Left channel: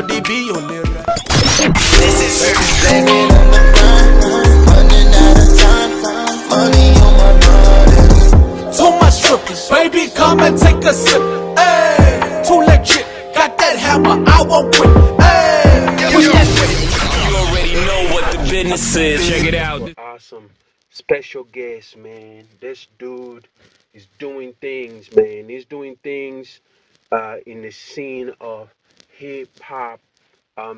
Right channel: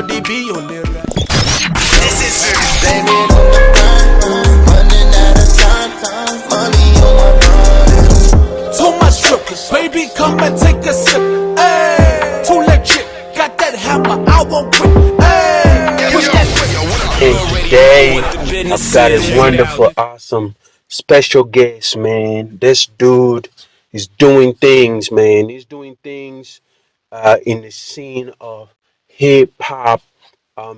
body be only right. This is Blame it on the grind, running out of time, money on my mind. Too much drip, baby, come and take a sip. Hey, too legit, got that hammer, I won't quit. Hey, push that whip. you already know what the business is. Check it out. Wonderful, awesome, special guest, man. This dude is doing things, man. He's doing things in the scene of hip hop,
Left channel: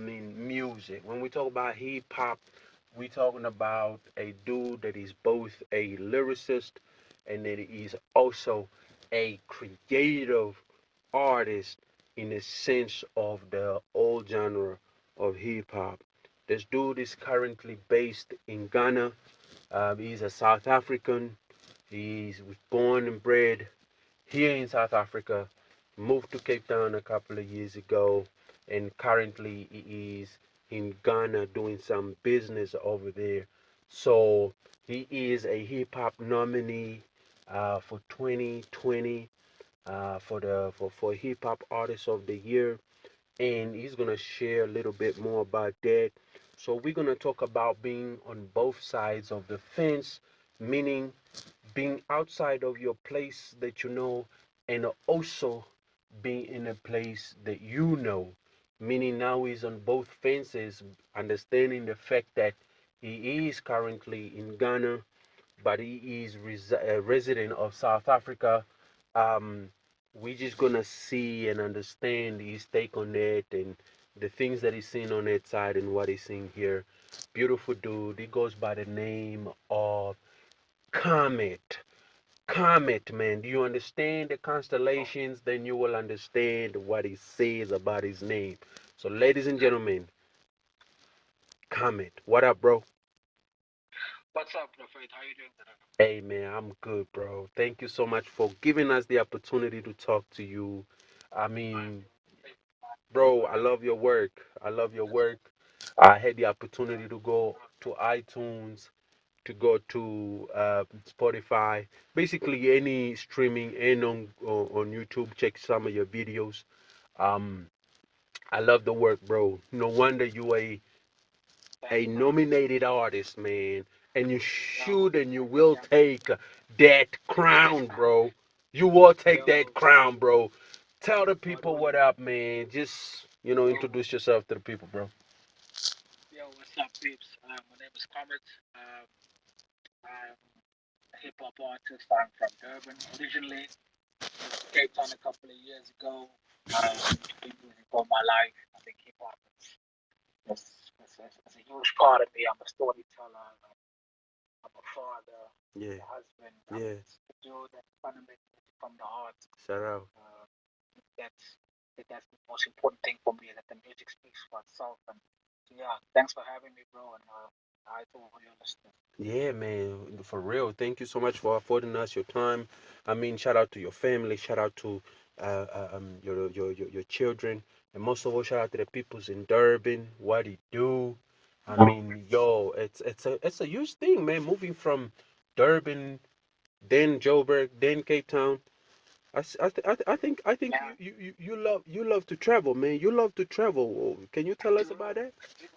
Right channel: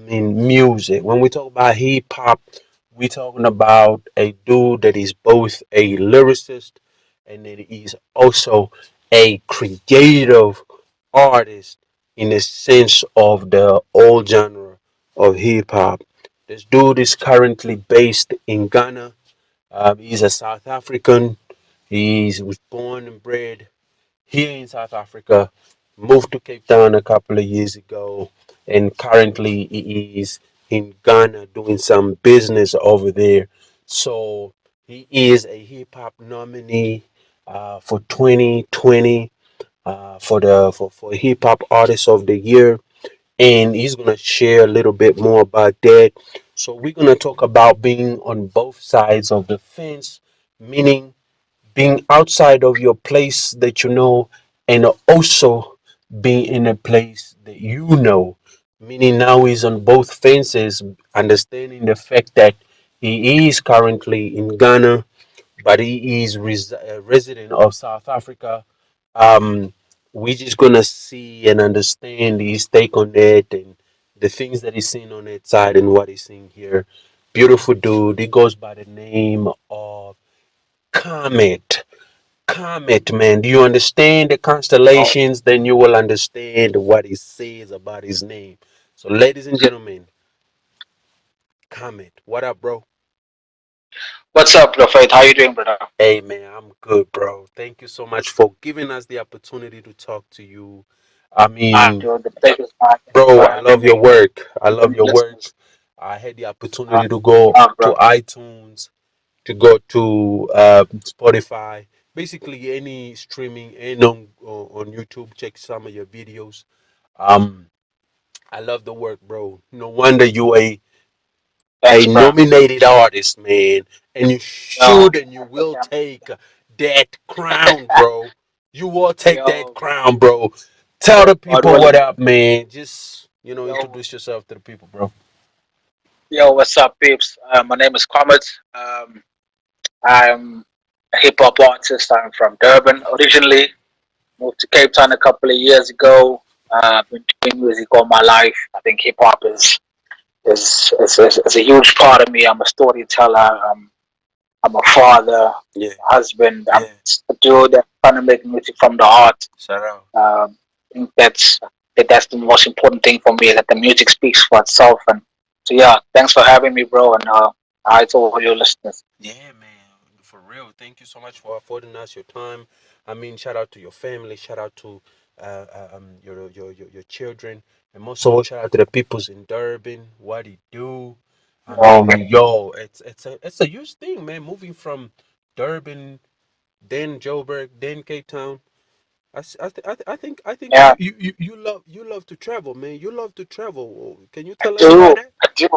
in music. When we talk about hip hop, we talking about a dude that is both a lyricist and that he's also a creative artist in the sense of the old genre of hip hop. This dude is currently based in Ghana. He's a South African. He was born and bred here in South Africa, moved to Cape Town a couple of years ago, and currently he is in Ghana doing some business over there. So he is a hip hop nominee for 2020 for hip hop artist of the year, and he's gonna share a little bit more about that. So we're gonna talk about being on both sides of the fence, meaning being outside of your place that you know, and also being in a place that you know, meaning now he's on both fences, understanding the fact that he is currently in Ghana, but he is a resident of South Africa. um we're just gonna see and understand his take on that and the things that he's seeing on that side and what he's seeing here. Beautiful dude. He goes by the name of Comet. Comet, man. Do you understand the constellations? Then you will understand what he says about his name. So, ladies and gentlemen, Comet. What up, bro? What's up, DaFaith? How you doing, brother? Hey, man, I'm good, bro. Thank you so much for giving us the opportunity to talk to you. I mean, Dude, the pleasure's mine. Thanks bro, for I having love your me. work. I And love the your work. listeners. I had the opportunity to go to Bro. iTunes, to go to Spotify, basically any streaming and on YouTube. Check some of your videos. Um, I love the work, bro. No wonder you a Thanks, bro. nominated artist, man. And you Yo, should and you will take that crown, bro. You will take that yo, crown, bro. Tell the God people what willing. up, man. Just Yo, introduce yourself to the people, bro. what's up, peeps? My name is Comet. I'm a hip hop artist. I'm from Durban originally. Moved to Cape Town a couple of years ago. Been doing music all my life. I think hip hop is a huge part of me. I'm a storyteller. I'm a father, Yeah, husband. I'm yeah. a dude that's trying to make music from the heart. Shout out. I think that's the most important thing for me, that the music speaks for itself. And so yeah, thanks for having me, bro. And hi to all your listeners. Yeah, man, for real. Thank you so much for affording us your time. I mean, shout out to your family, shout out to your children, and most of all, shout out to the peoples in Durban. What he do? I Um, mean, yo, it's a huge thing, man. Moving from Durban, then Joburg, then Cape Town. I think yeah, you love to travel, man. You love to travel. Can you I tell us about do, that? I do,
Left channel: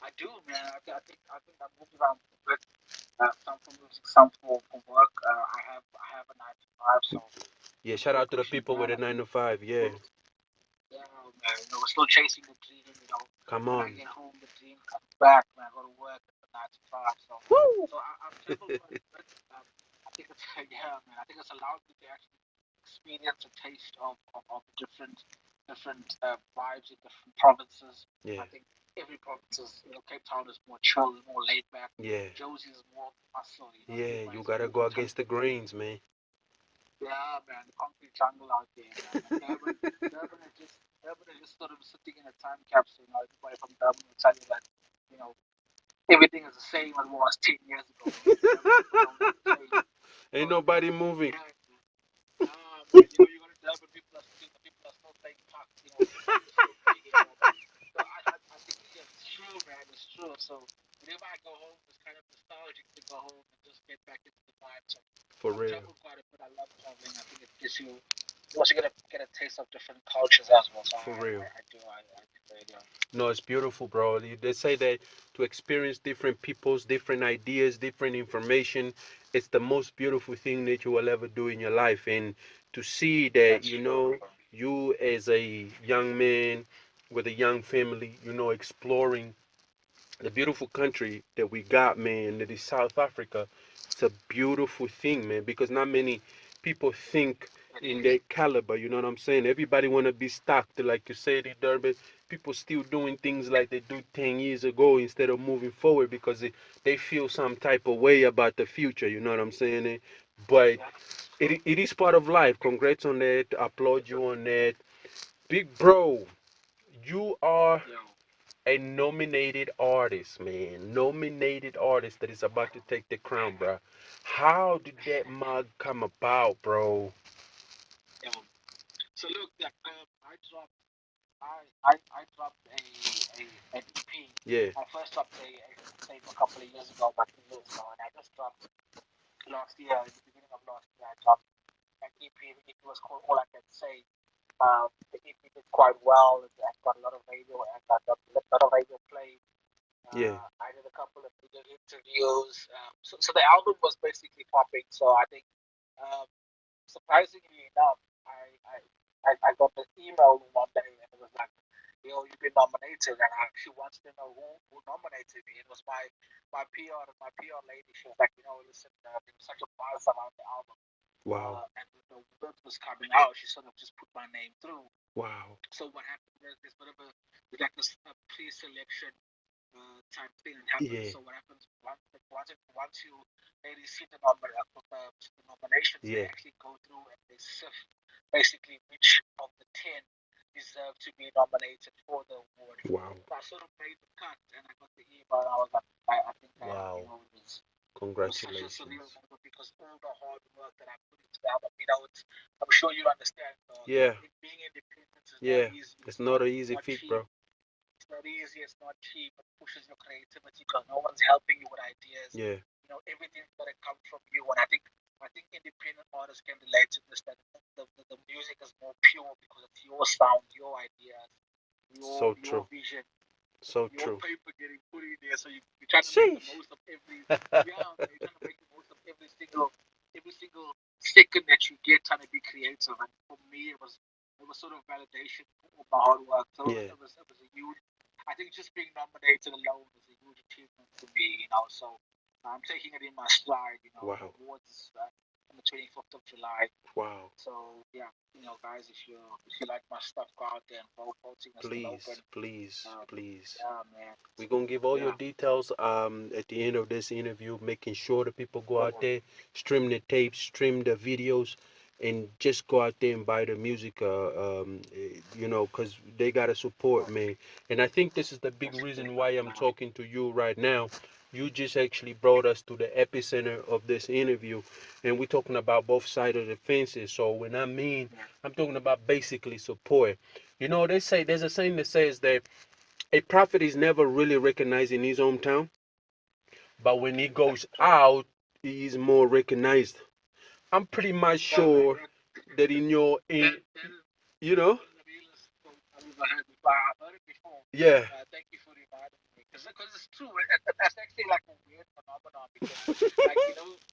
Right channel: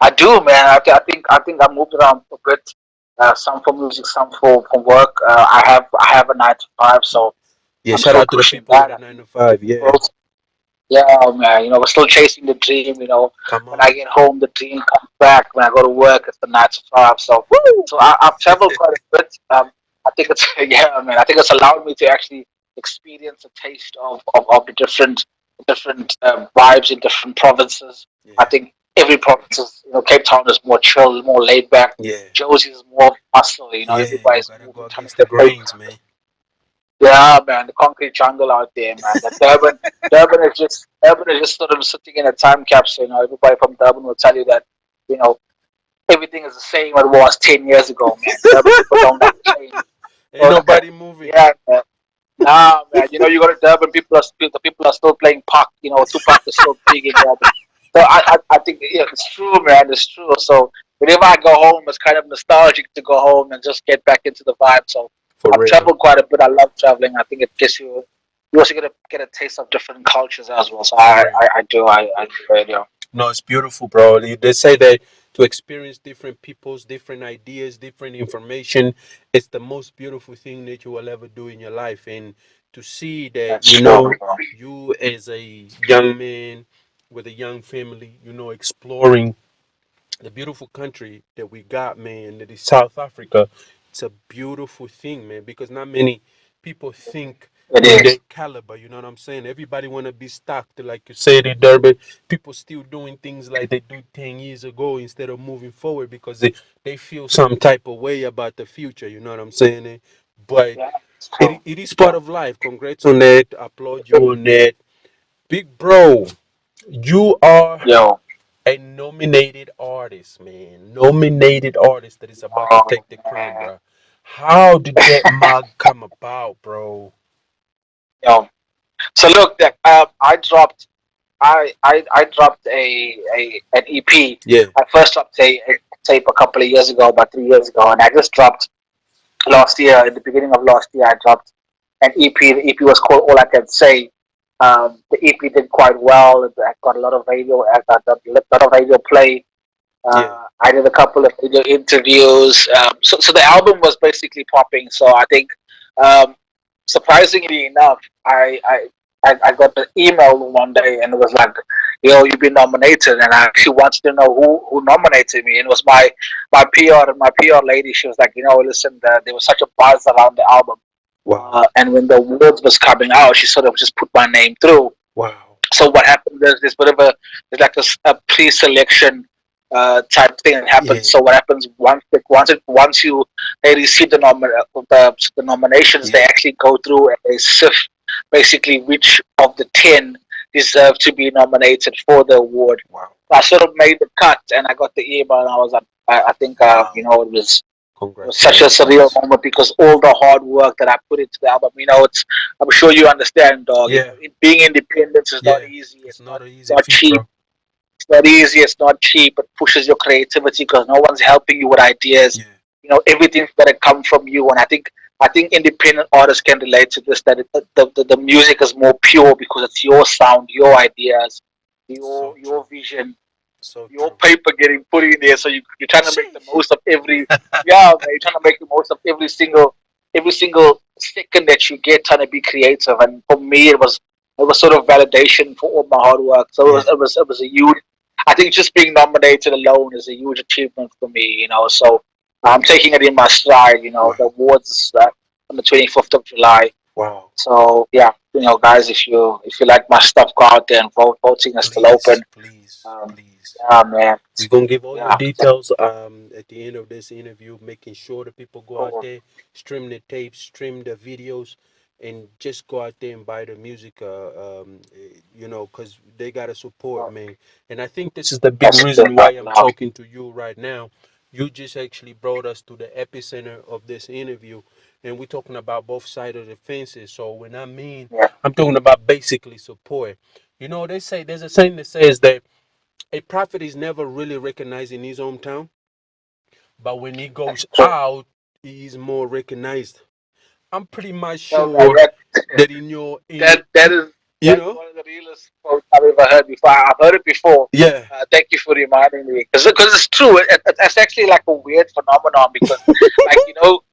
I do, man. I think I moved around a bit. Some for music, some for work. I have a 9 to 5, so Yeah, I'm shout still out to the pushing people with that. a 9 to 5. Yeah, Yeah, man, we're still chasing the dream. come When I on. get home, the dream comes back. When I go to work, it's the 9 to 5. So, I've traveled quite a bit. I think it's yeah, man. I think it's allowed me to actually experience a taste of the different vibes in different provinces. I Yeah, think every province is, Cape Town is more chill, more laid back. yeah, Josie is more hustle. yeah. You Everybody's gotta go moving, trying to against the get paid. grains, man. Yeah, man, the concrete jungle out there, man. The Durban is just sort of sitting in a time capsule. Everybody from Durban will tell you that, you know, everything is the same as it was 10 years ago, man. Durban people don't like change. Ain't So, nobody moving. yeah, man. Nah, man. You go to Durban, the people are still playing Pac. Tupac is still big in Durban. So I think yeah, it's true, man. It's true. So whenever I go home, it's kind of nostalgic to go home and just get back into the vibe. So For I've real. traveled quite a bit. I love traveling. I think it gives you you also get a taste of different cultures as well. So For real. I do it, yeah. No, it's beautiful, bro. They say that to experience different people's different ideas, different information, it's the most beautiful thing that you will ever do in your life. And to see that, That's true, bro. you as a young man with a young family, exploring the beautiful country that we got, man, that is South Africa. It's a beautiful thing, man, because not many people think It in is. that caliber. You know what I'm saying? Everybody want to be stocked, like you said in Durban. People still doing things like they do 10 years ago instead of moving forward because they feel some type of way about the future. You know what I'm saying? But Yeah, it's true. it is part of life. Congrats on that. Applaud you on that. Big bro, you are Yo. a nominated artist, man. Nominated artist that is about to Oh, take the crown, bro. How did that mug come about, bro? yo. So look, I dropped an EP. Yeah, I first dropped a tape a couple of years ago, about 3 years ago, and I just dropped last year. At the beginning of last year, I dropped an EP. The EP was called All I Can Say. The EP did quite well. It got a lot of radio, play. yeah, I did a couple of video interviews. So the album was basically popping. So I think, um, surprisingly enough, I got an email one day and it was like, "Yo, you've been nominated," and I actually wanted to know who nominated me. And it was my PR, and my PR lady. She was like, "Listen, there was such a buzz around the album, wow, and when the awards was coming out, she sort of just put my name through." wow, So what happened is there's like a pre-selection type thing that yeah, happens. So what happens once you they receive the nominations, they yeah, actually go through and they sift basically which of the 10 deserve to be nominated for the award. wow, I sort of made the cut, and I got the email, and I was like, I think wow. it was such a surreal Congratulations. moment because all the hard work that I put into the album, I'm sure you understand, dog. Yeah, Being independent is not yeah. easy. It's not an easy Not feat, cheap. bro. It's not easy. It's not cheap. It pushes your creativity because no one's helping you with ideas. Yeah, Everything's got to come from you. And I think independent artists can relate to this. That the music is more pure because it's your sound, your ideas, so your true, vision, so your true. paper getting put in there. So you're trying to make the Sheesh. most of every. Yeah, man, you're trying to make the most of every single second that you get, trying to be creative. And for me, it was sort of validation for all my hard work. So Yeah, it was a huge. I think just being nominated alone is a huge achievement for me. So I'm taking it in my stride. The wow, awards on the 25th of July. wow. So yeah, guys, if you like my stuff, go out there and vote. Voting is still Please, open. please, please. Yeah, man. We're gonna give all your Yeah. details at the end of this interview, making sure that people go out there, stream the tapes, stream the videos, and just go out there and buy the music. Because they gotta support, man. And I think this is the big That's reason good. why I'm talking to you right now. You just actually brought us to the epicenter of this interview, and we're talking about both sides of the fences. So when Yeah. I'm talking about basically support. They say there's a saying that says that a prophet is never really recognized in his hometown, but when he goes So out, he is more recognized. I'm pretty much no, man, sure that in your in that is you that is know one of the realest quotes I've ever heard before. I've heard it before. yeah Thank you for reminding me, because it's true. It's actually like a weird phenomenon because, like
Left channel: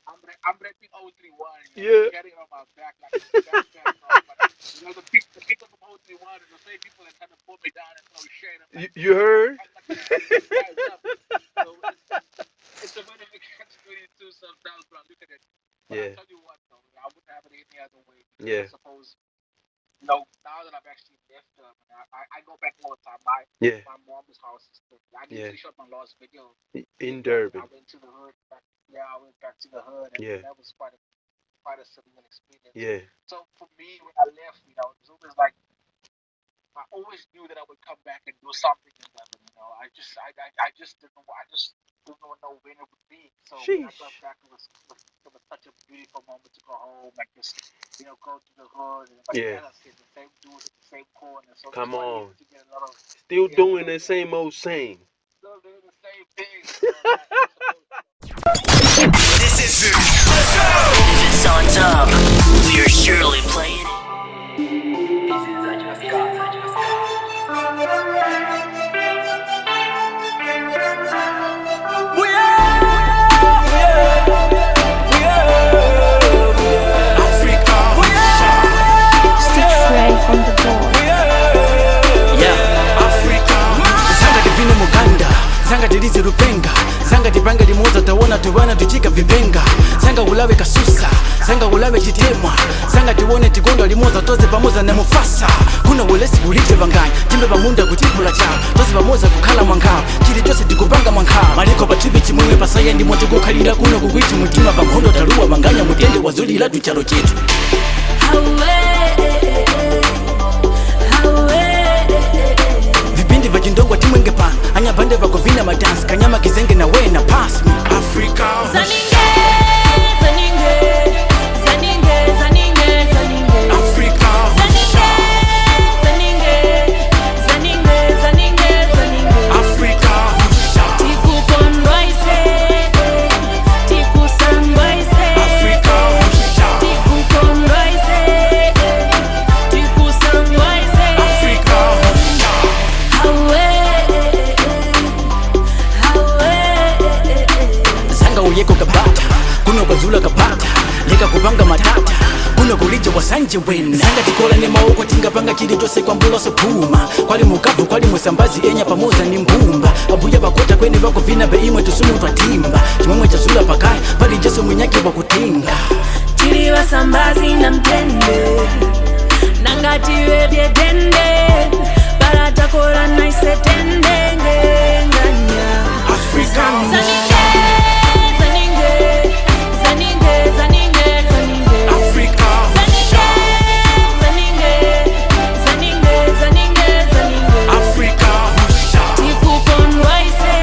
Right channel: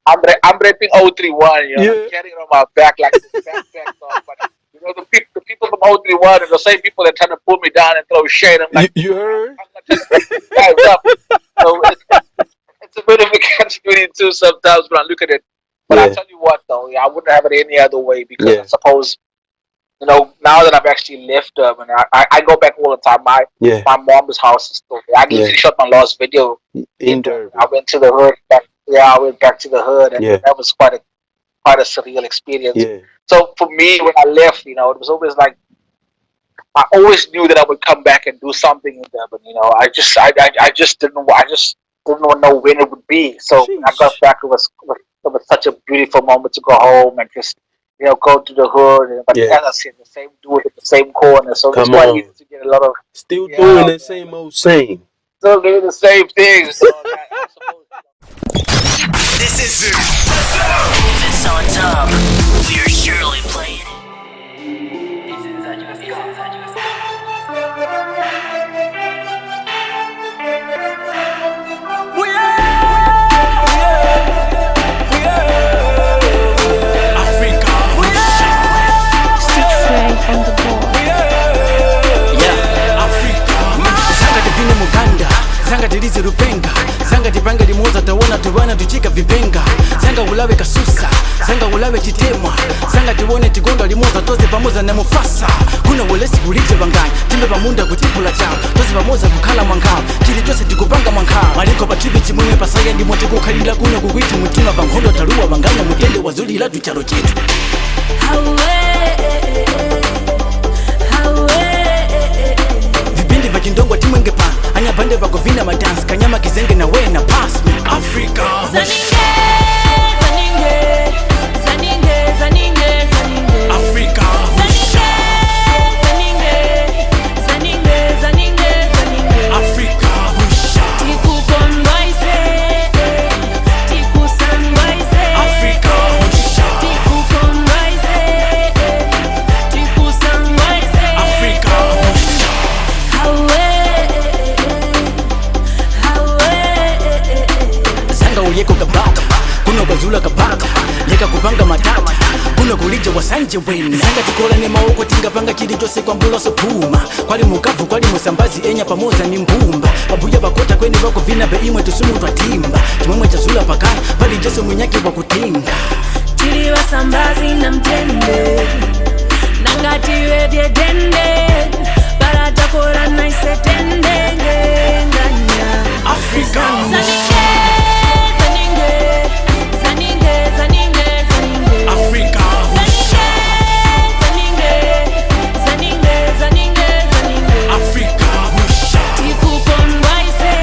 I'm repping 031. And I'm yeah carrying it on my back like this backpack. But the people from 031 are the same people that trying to pull me down and throw shade. I'm you, like, you heard I'm not trying to make these guys up. So it's a bit of a catch-22 sometimes when I look at it. But I yeah tell you what, though, I wouldn't have it any other way because I yeah suppose, now that I've actually left Durban, I go back all the time. My yeah my mom's house is still there. I yeah literally shot my last video in in Durban. I Durban went to the hood. I went back to the hood, and yeah that was quite a surreal experience. yeah So for me, when I left, it was always like I always knew that I would come back and do something in Durban. I just didn't know when it would be. So when I got sheesh back, it was such a beautiful moment to go home and just go to the hood. But yeah as I said, the same dude in the same corner, so it's come quite easy on to get a lot of still doing yeah, the same old same still doing the same things. Dog. I suppose. This is it. If it's on top, we're surely playing it. zanga tilizi rupenga zanga tipanga limoza tawona tubana tuchika vipenga zanga ulawe kasusa zanga ulawe chitemwa zanga tiwone tigonda limoza toze pamoza na mufasa kuna ulesi kulite bangani timbe pamunda kutipula chao toze pamoza kukhala mwankao chili chose tikupanga mwankao maliko patibi chimwemwe pasaya ndimo tikukhalira kuno kukwiti mutima vankhondo taluwa banganya mutende wazulila tuchalo chetu vipindi vya chindongwa timwenge pano anyapande vagovina madansi kanyama kizenge na we na pass me Africa zaninge zaninge zaninge zaninge Africa zaninge zaninge zaninge zaninge zaninge Africa tikukondwa ise tikusangwa ise Africa tikukondwa ise tikusangwa ise Africa zanga uyeko kabata kuno kwazula kabata leka kupanga matata kuno kulija wasanje wena zanga tikola ne maoko tingapanga chili chose kwa mbulo sopuma kwali mukavu kwali musambazi enya pamoza ni mbumba abuya bakota kweni bako vina be imwe tusumu twatimba chimwemwe chazula pakaya pali jesu mwenyaki wa kutinga chili wasambazi na mtende nangatiwe vyedende baratakora naisetende ngenganya Africa zaninge zaninge zaninge zaninge zaninge Africa zaninge zaninge zaninge zaninge zaninge Africa tikukondwa ise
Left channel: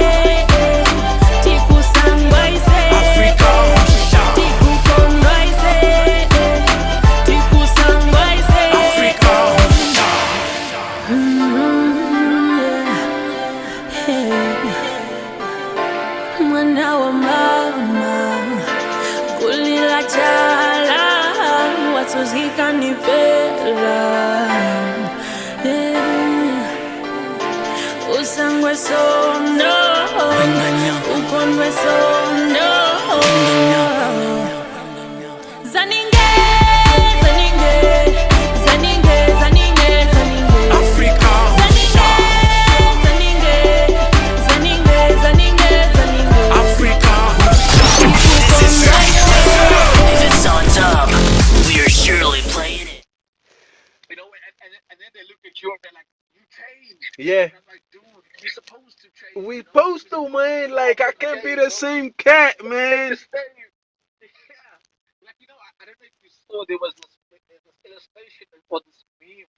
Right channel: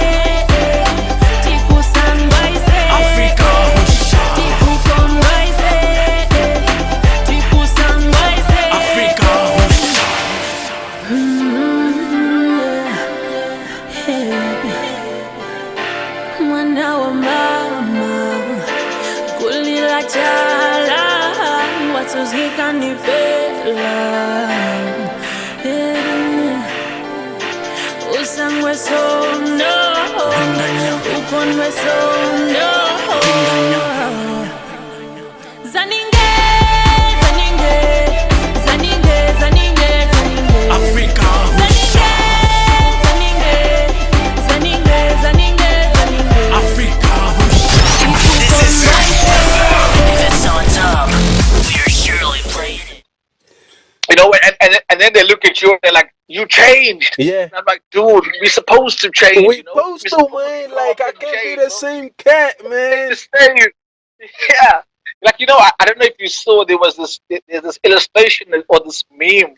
tikusangwa ise Africa tikukondwa ise tikusangwa ise Africa mwana wa mama kulila chala watuzika nipela usangwe sondo ukondwe sondo zaninge zaninge zaninge zaninge zaninge Africa zaninge zaninge zaninge zaninge zaninge Africa If it's on top, we're surely playing it. You know, and then they look at you and they're like, "You changed." Yeah. And I'm like, "Dude, we supposed to change. We you know? supposed to, man. Like, I can't be the same cat, man. The same. Yeah. Like, you know, I don't know if you saw there's this illustration or this meme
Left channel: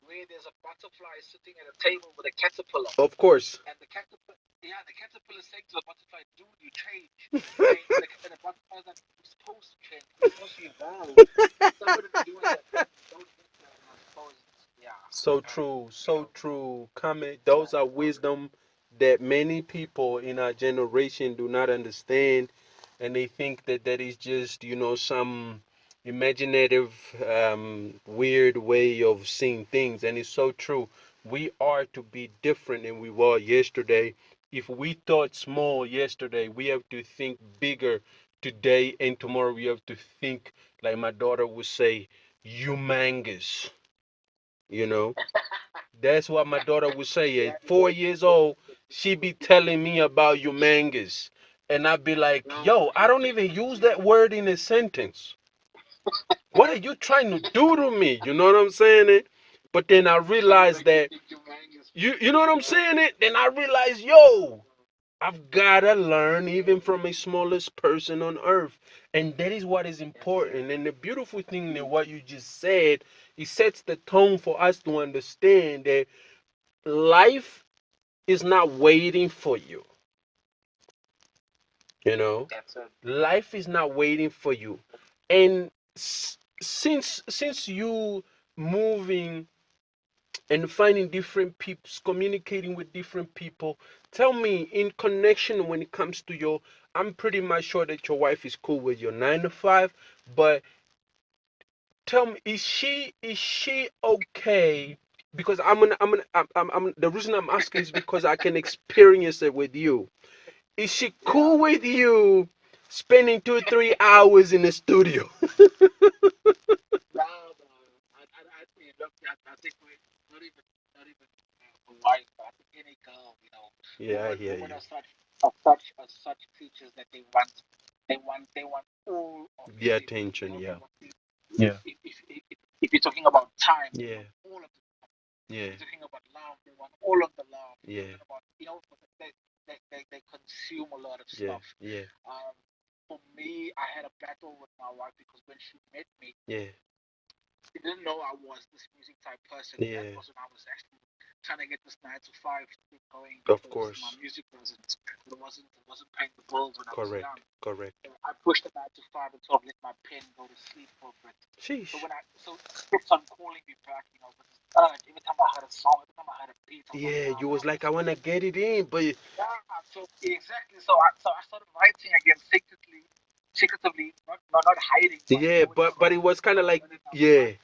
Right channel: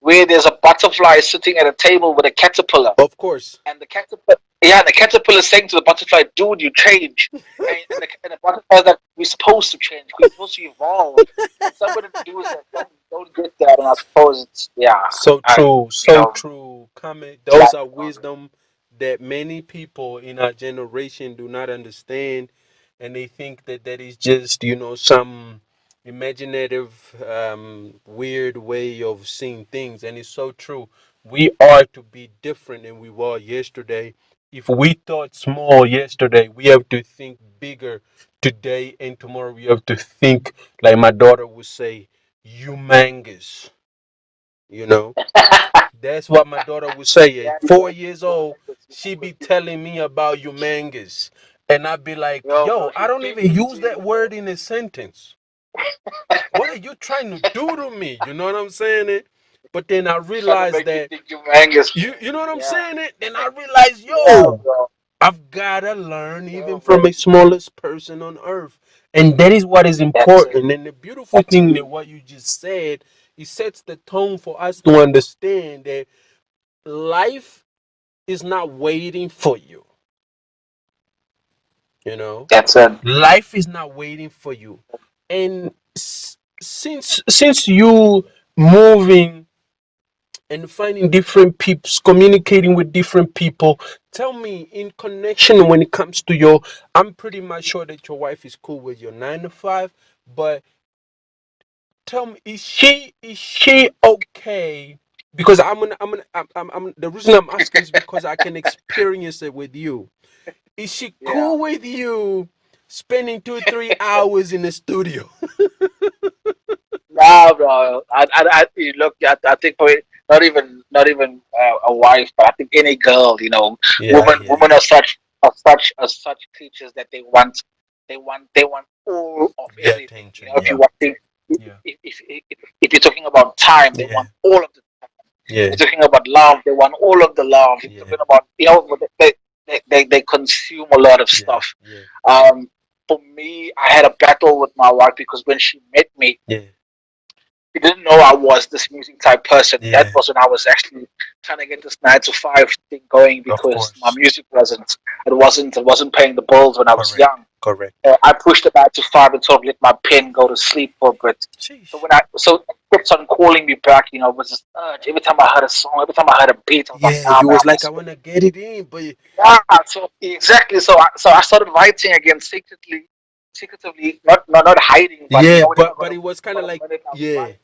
where there's a butterfly sitting at a table with a caterpillar. Of course. And the caterpillar is saying to the butterfly, "Dude, you change." and the butterfly is like, "We're supposed to change. We're supposed to evolve." Somebody to do that. Don't get that, and I suppose it's So true, so you know, true. Comment. Those are wisdom that many people in our generation do not understand, and they think that that is just some imaginative, weird way of seeing things. And it's so true. We are to be different than we were yesterday. If we thought small yesterday, we have to think bigger today, and tomorrow we have to think, like my daughter would say, humongous. You know, that's what my daughter would say. At 4 years old, she be telling me about humongous, and I'd be like, "Yo, I don't even use that word in a sentence. What are you trying to do to me?" You know what I'm saying? It, but then I realized that you know what I'm saying. It. Then I realized, yo, I've gotta learn even from the smallest person on earth, and that is what is important. And the beautiful thing that what you just said, it sets the tone for us to understand that life is not waiting for you. You know, that's it. life is not waiting for you, and since you moving and finding different people, communicating with different people. Tell me, in connection when it comes to your, I'm pretty much sure that your wife is cool with your 9 to 5, but tell me, is she okay? Because I'm the reason I'm asking is because I can experience it with you. Is she cool with you spending 2 3 hours in the studio? Nah, bro. I look. I think a wife, but I think any girl, Yeah, I hear women you. are such creatures that they want all of The everything. attention. If you Yeah. want things, Yeah. if you're talking about time, they Yeah. want all of the time. Yeah. If you're talking about love, they want all of the love. If you're Yeah. talking about they consume a lot of Yeah. stuff. Yeah. Um, for me, I had a battle with my wife because when she met me, Yeah. she didn't know I was this music type person. That Yeah. was when I was actually trying to get this 9 to 5 thing going Of because my course. music wasn't paying the bills when I was Correct. young. Correct. I pushed it 9 to 5 and sort of let my pen go to sleep for a bit. So Sheesh. it kept on calling me back, it was this urge. Every time I heard a song, every time I heard a beat, I was like, Yeah, nah, you man, was I like, I must. wanna get it in, but Yeah, so exactly. So I started writing again secretively, not hiding, but yeah, when I but it was kind got of a like, minute, I would yeah, write.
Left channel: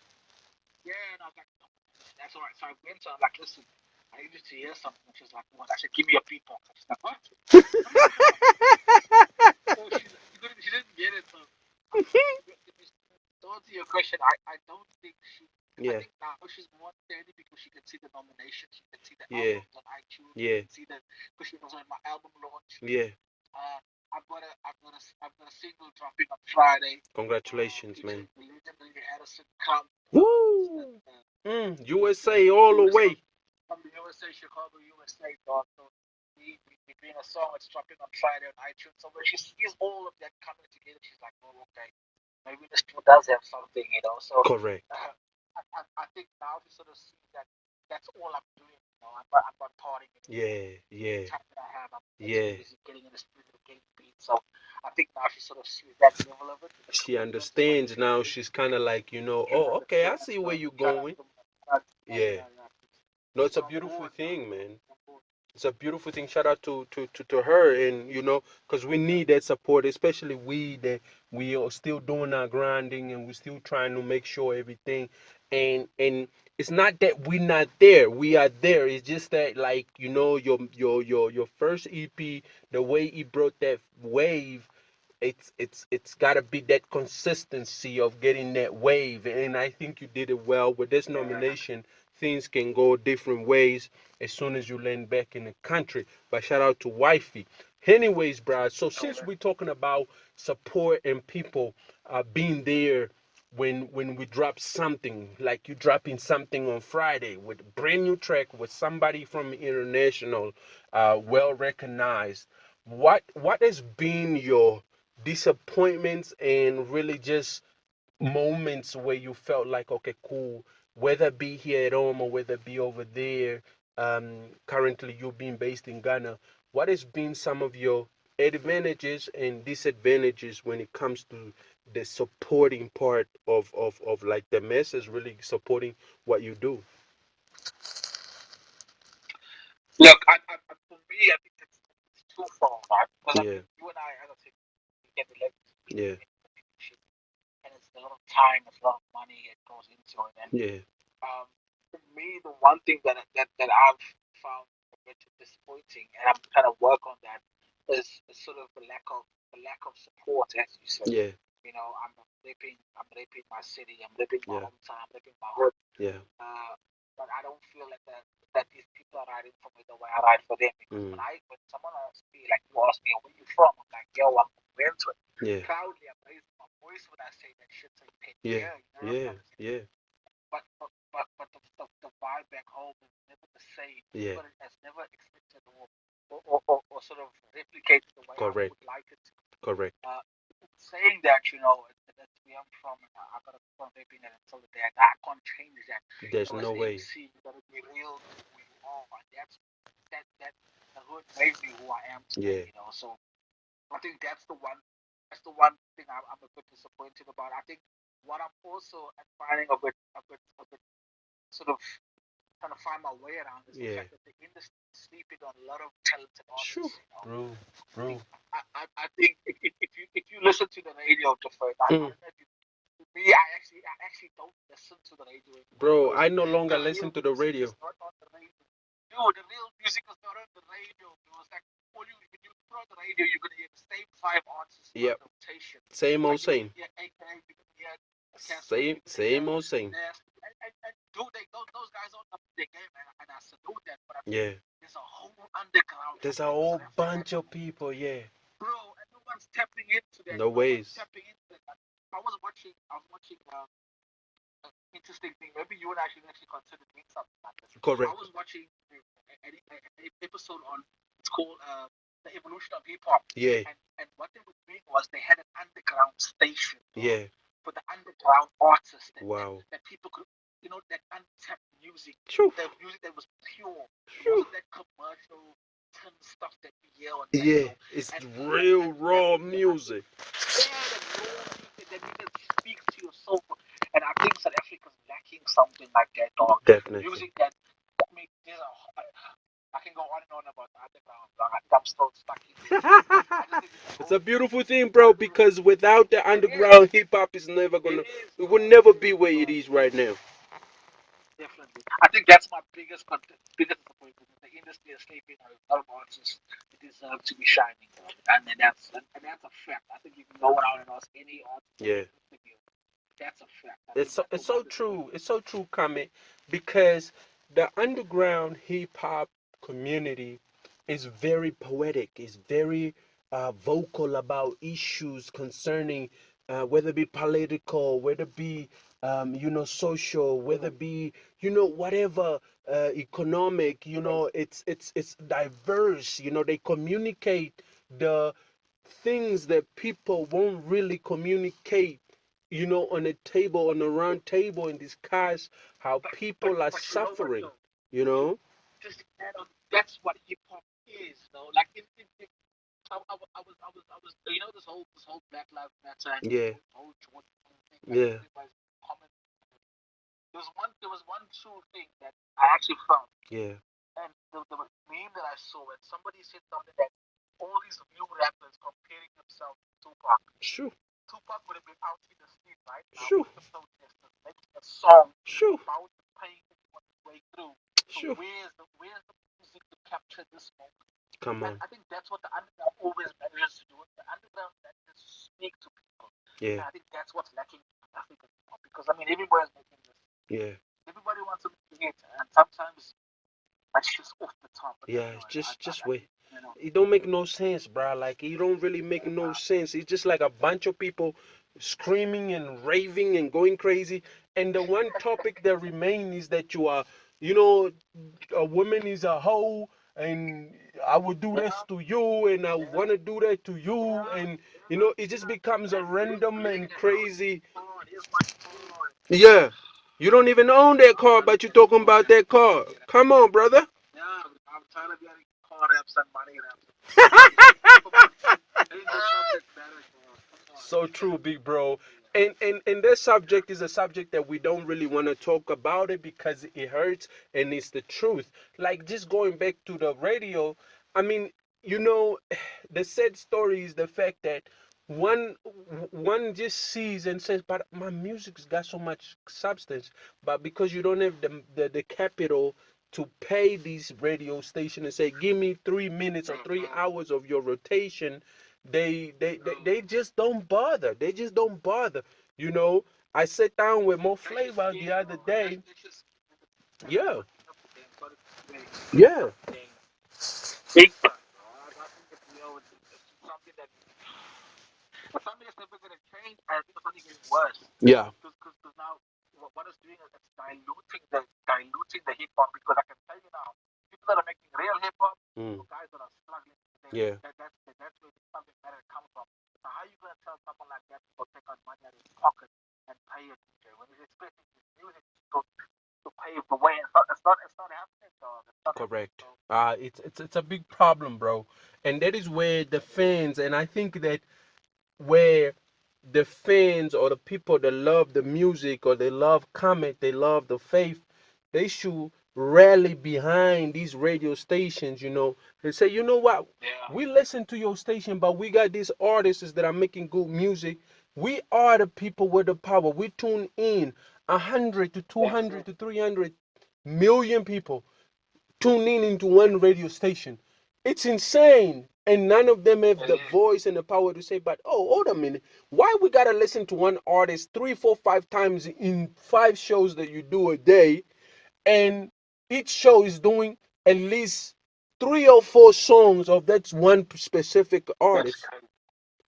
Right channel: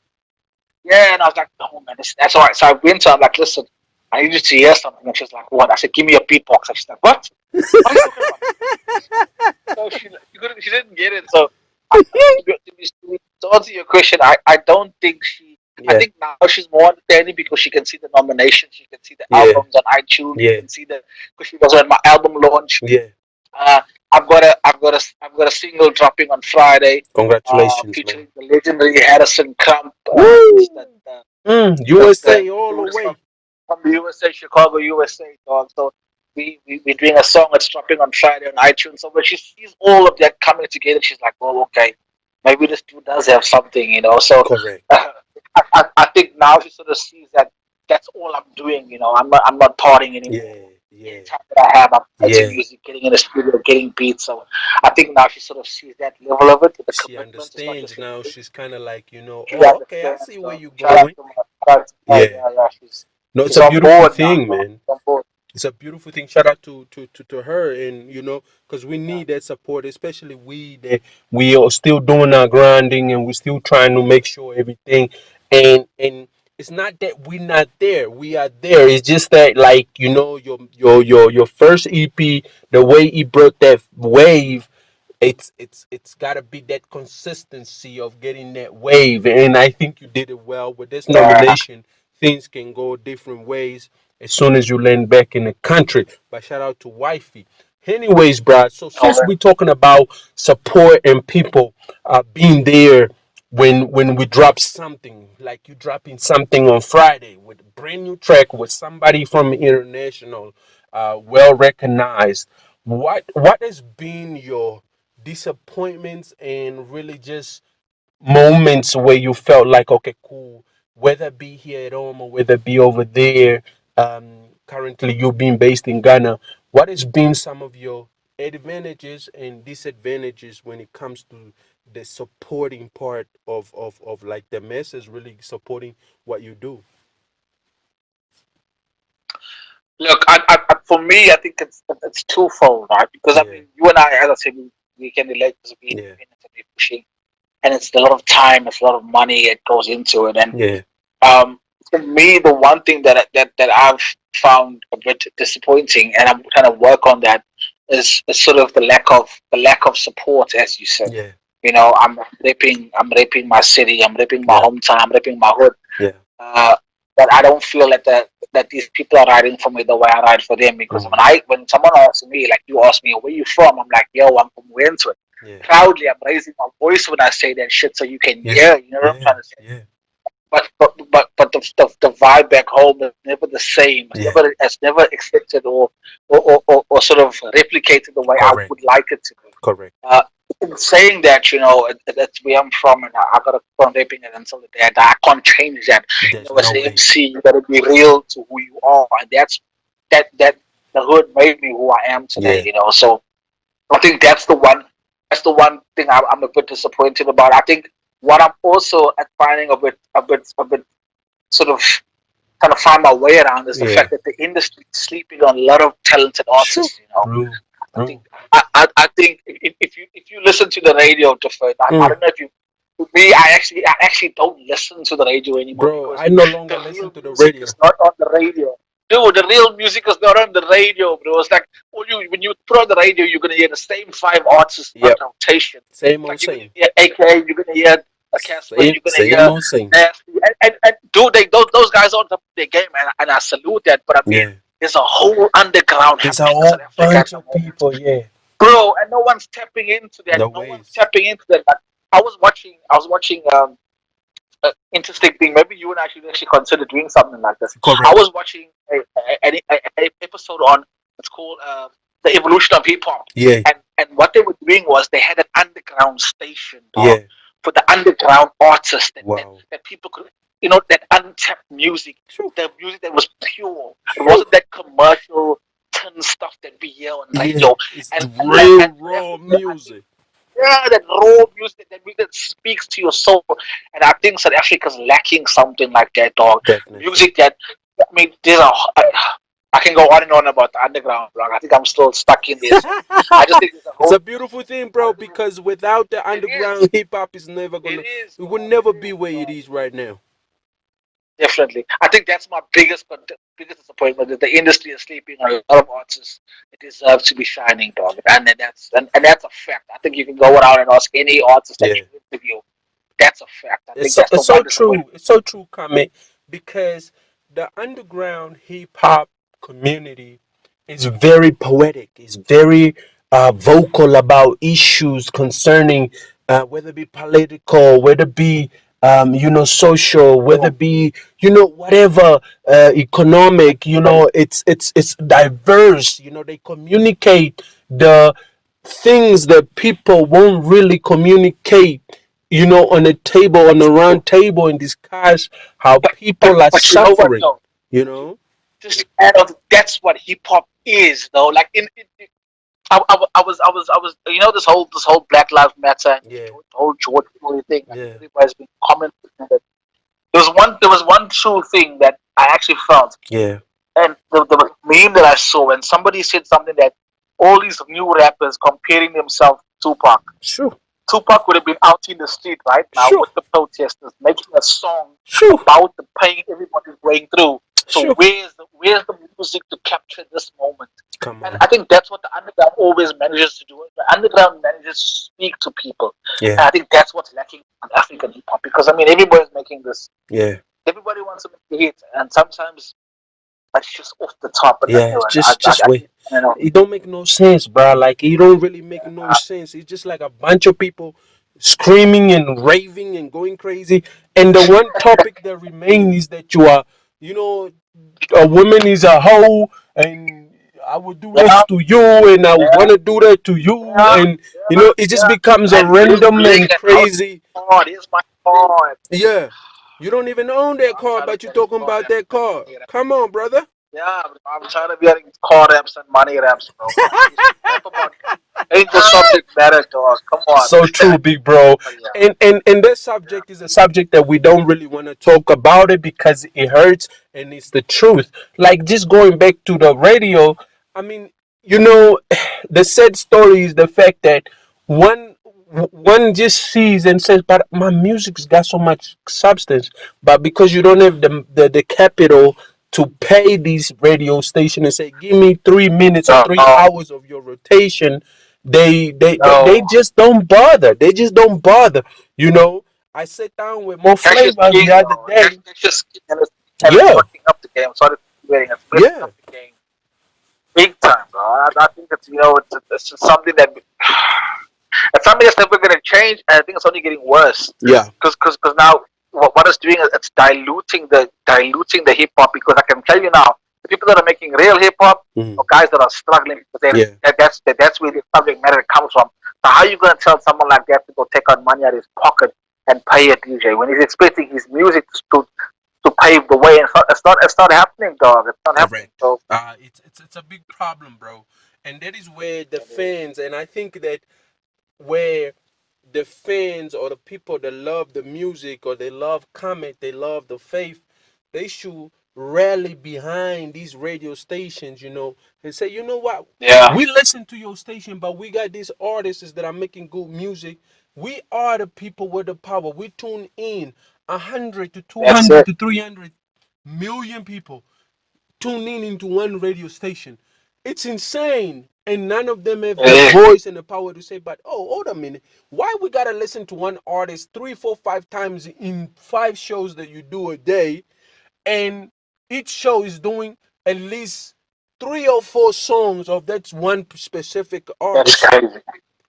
Yeah, and I was like, oh man, that's all right. So I went to her, I'm like, listen, I need you to hear something. And she's like, what? I said, give me a beatbox. And she's like, what? What are you talking about? So she didn't get it. So to answer your question, I don't think I yeah, think now she's more understanding because she can see the nominations, she can see the yeah, albums on iTunes, she yeah, can see because she was at my album launch. yeah. Uh, I've got a single dropping on Friday, Congratulations, man. featuring the legendary Harrison Crump. He's Woo! the USA all the tourist way. from the USA, Chicago, USA, dog. So we're doing a song that's dropping on Friday on iTunes. So when she sees all of that coming together, she's like, "Oh, okay, maybe this dude does have something." So Correct. I think now she sort of sees that that's all I'm doing. I'm not partying anymore. Yeah, Any yeah, time that I have, I'm writing yeah. music, getting in the studio, getting beats. So I think now she sort of sees that level of it with the She commitment. It's not understands just a now. thing. She's kind of like, She oh, okay, I understands. see where So you're shout out going. to my Yeah. yeah. No, it's She's a on beautiful board now. thing, man. She's on board. It's a beautiful thing. Shout out to her, and because we Yeah. need that support, especially we that we are still doing our grinding and we're still trying to make sure everything. And it's not that we're not there. We are there. It's just that, like, your first EP, the way it brought that wave, it's got to be that consistency of getting that wave, and I think you did it well with this Yeah. nomination. Things can go different ways as soon as you land back in the country. But shout out to wifey. Anyways, Brad, so since we're talking about support and people being there when we drop something, like you dropping something on Friday with a brand new track with somebody from international, well recognized, what has been your disappointments and really just moments where you felt like, okay, cool, whether it be here at home or whether it be over there, currently you being based in Ghana, what has been some of your advantages and disadvantages when it comes to the supporting part of like the masses really supporting what you do? Look, for me, I think it's twofold, right? Because I Yeah, mean, you and I, as I said, we can relate to be yeah, independent and be pushing, and it's a lot of time, it's a lot of money that goes into it, and yeah, um, for me, the one thing that I've found a bit disappointing, and I'm trying to work on that, is sort of the lack of support, as you said. yeah, I'm raping my city, I'm raping my yeah, hometown, I'm raping my hood. yeah. Uh, but I don't feel that these people are riding for me the way I ride for them. Because Mm, when someone asks me, like you ask me, where you from? I'm like, yo, I'm from Wentworth. yeah, Proudly, I'm raising my voice when I say that shit, so you can yeah, hear. You know what I'm yeah, trying to say? yeah, But the vibe back home is never the same. It's yeah. never accepted or sort of replicated the way I Correct, would like it to be. correct. Uh, in saying that, that's where I'm from, and I gotta keep on raping it until the day I die. I can't change that. There's As no the way. MC, you gotta be real to who you are, and that the hood made me who I am today. Yeah, So I think that's the one thing I'm a bit disappointed about. I think what I'm also finding a bit sort of trying to find my way around is the yeah. fact that the industry is sleeping on a lot of talented Sure. artists. True, I think true. I think if you listen to the radio, DaFaith, I Mm. don't know if you. With me, I actually don't listen to the radio anymore Bro, because I no the longer listen real to the music radio. is not on the radio. Dude, the real music is not on the radio, bro. It's like when you put on the radio, you're gonna hear the same five artists on Yep. rotation. Same Like old you're gonna same. hear AKA, you're gonna hear podcast where you're gonna Same hear old same. nasty and dude, those guys are on top of their game, and I salute that. But I mean, Yeah. there's a whole underground There's a happening in South whole Africa at bunch the of moment, people, yeah. bro, and no one's tapping into that. No No one's ways. tapping into that. Like, I was watching interesting thing. Maybe you and I should actually consider doing something like this. I Correct. was watching a episode on it's called the evolution of hip hop, Yeah, and what they were doing was they had an underground station, dog, yeah. for the underground artists Wow. that people could, you know, that untapped music, True. the music that was pure. It wasn't that commercial tin stuff that we hear on Yeah, radio. it's And real and raw I think, music. yeah, that raw music, that music that speaks to your soul. And I think South Africa's lacking something like that, dog. Definitely. Music that, I mean, I can go on and on about the underground, bro. I think I'm still stuck in this. I just think there's a It's whole. a beautiful thing, bro, because without the It underground hip hop is never It gonna is. it will never be where it is right now. Definitely. I think that's my biggest disappointment that the industry is sleeping on a lot of artists that deserve to be shining, dog. And that's a fact. I think you can go around and ask any artist that Yeah. you interview. That's a fact. I think It's so, that's the it's so one true. disappointment. It's so true, Comet, because the underground hip hop community is very poetic. It's very vocal about issues concerning whether it be political, whether it be social, whether it be whatever economic. It's diverse. They communicate the things that people won't really communicate, on a table, on a round table, and discuss how people are But you know what suffering, though? you know? Just to add on, that's what hip hop is, though. Like I was this whole Black Lives Matter and Yeah, the whole George Floyd thing. Like yeah, everybody's been commenting on it. There was one true thing that I actually felt, yeah. and the meme that I saw, and somebody said something that all these new rappers comparing themselves to Tupac. Sure, Tupac would have been out in the street right now sure, with the protesters, making a song sure, about the pain everybody's going through. So sure. where's the music to capture this moment? Come And on. I think that's what the underground always manages to do. The underground manages to speak to people. And Yeah, I think that's what's lacking in African hip hop. Because I mean everybody's making this, yeah, everybody wants to make a hit, and sometimes it's just off the top. And yeah. Just wait. I don't know. It don't make no sense, bro. Like it don't really make no sense. It's just like a bunch of people screaming and raving and going crazy. And the one topic that remains is that you know, a woman is a hoe, and I would do this Yeah, to you, and I yeah, want to do that to you, yeah, and yeah, it just yeah. becomes a And here's random bling and and out crazy. on. Here's my card. Yeah, you don't even own that I'm car, trying to but you get these talking card about apps that and car. money apps. Come on, brother. Yeah, I'm trying to be getting card apps and money apps, bro. Talk about ain't the subject matter, dog. Come on. So true, big bro. But yeah, And this subject is a subject that we don't really want to talk about it because it hurts and it's the truth. Like just going back to the radio, I mean, you know, the sad story is the fact that one one just sees and says, "But my music's got so much substance," but because you don't have the capital to pay these radio station and say, "Give me 3 minutes or no, 3 hours of your rotation," they no. just don't bother. They just don't bother. You know, I sat down with more Cash is flavors king, the other though. day. Cash is king, and it's Yeah, fucking up the game. Sorry for waiting. It's messing yeah, up the game big time, bro. I think it's just something that it's something that's never gonna change, and I think it's only getting worse. yeah, Because now what it's doing is it's diluting the hip hop. Because I can tell you now, the people that are making real hip hop mm, are guys that are struggling. yeah, That's where the subject matter comes from. So how are you gonna tell someone like that to go take out money out of his pocket and pay a DJ when he's expecting his music to pave the way? And it's not happening, dog. It's not happening. correct. So It's a big problem, bro, and that is where the fans, and I think that where the fans or the people that love the music or they love Comet, they love the faith, they should rally behind these radio stations, and say, you know what, yeah, we listen to your station, but we got these artists that are making good music. We are the people with the power. We tune in 100 to that's 200 it. to 300 million people tuning into one radio station. It's insane. and none of them have the Yeah. voice and the power to say, but oh, hold a minute, why we gotta listen to one artist 3, 4, 5 times in 5 shows that you do a day, and each show is doing at least 3 or 4 songs of that one specific That's artist? crazy.